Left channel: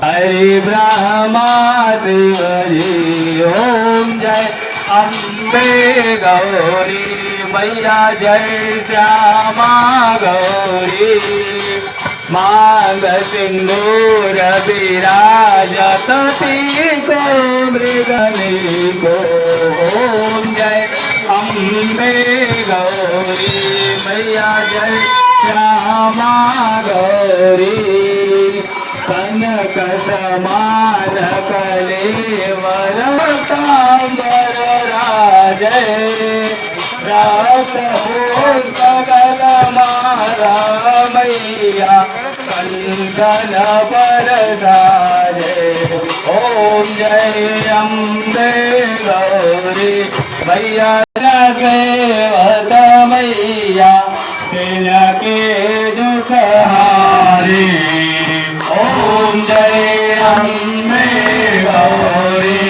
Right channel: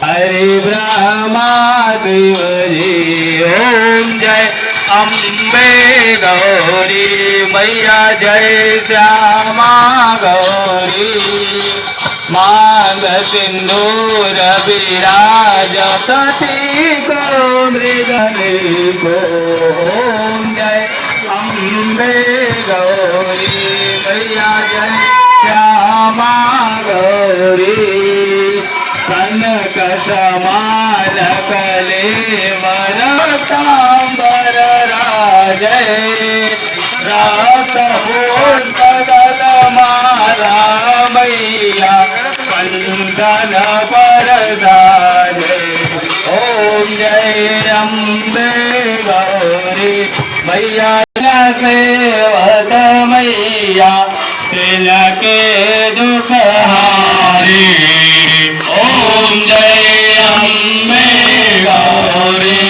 हरि ब्रह्मा देवजी ओम जय अम्बे गौरी मैया जय श्यामा गौरी मांग सिंदूर विराजत को मृगनी को ओम जय अम्बे गौरी मैया जय श्यामा गौरी कनक समार कलेवर राजय रात पूर्णगल मारा मैया पंकन परदारे ओम जय अम्बे गौरी मैया सेवत मैया तिनके दुख हारी ओम जय अम्बे गौरी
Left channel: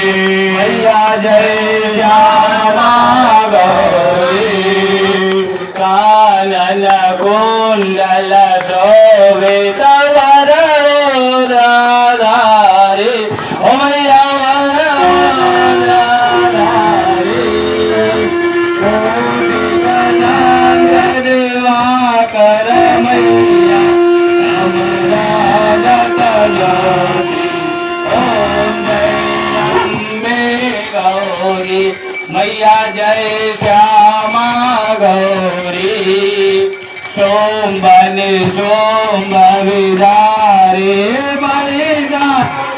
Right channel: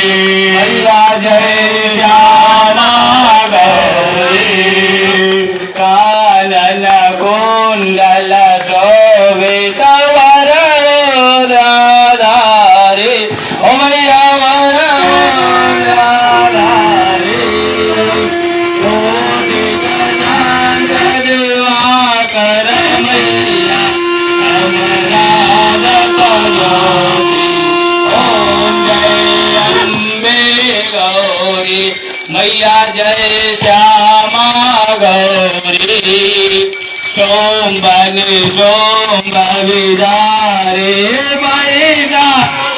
मैया जय श्यामा गौरी कानन कुंडल शोभित वरदाधारी ओ मैया वरदाधारी दिवाकर मैया मैया जय श्यामा गौरी सोमबन सोम विदारे मैया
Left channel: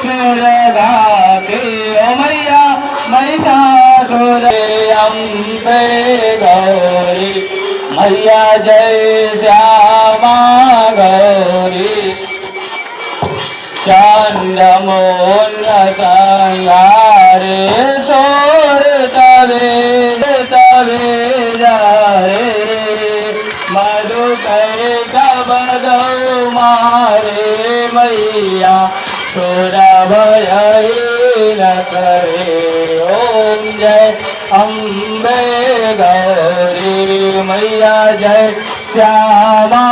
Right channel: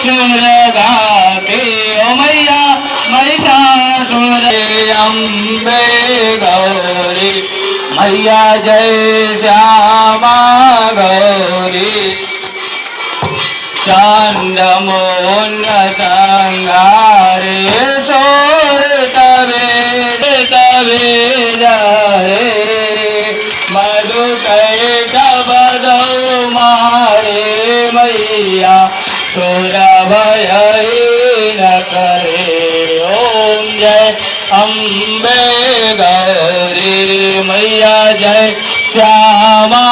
सुर गाते ओ मैया महिषासुर अम्बे गौरी मैया जय श्यामा गौरी चंदमोन संगारे सोर तवे तवे रे मधु कैटबदौ मारे मैया सोर भय न करे ओम जय अम्बे गौरी मैया जय श्यामा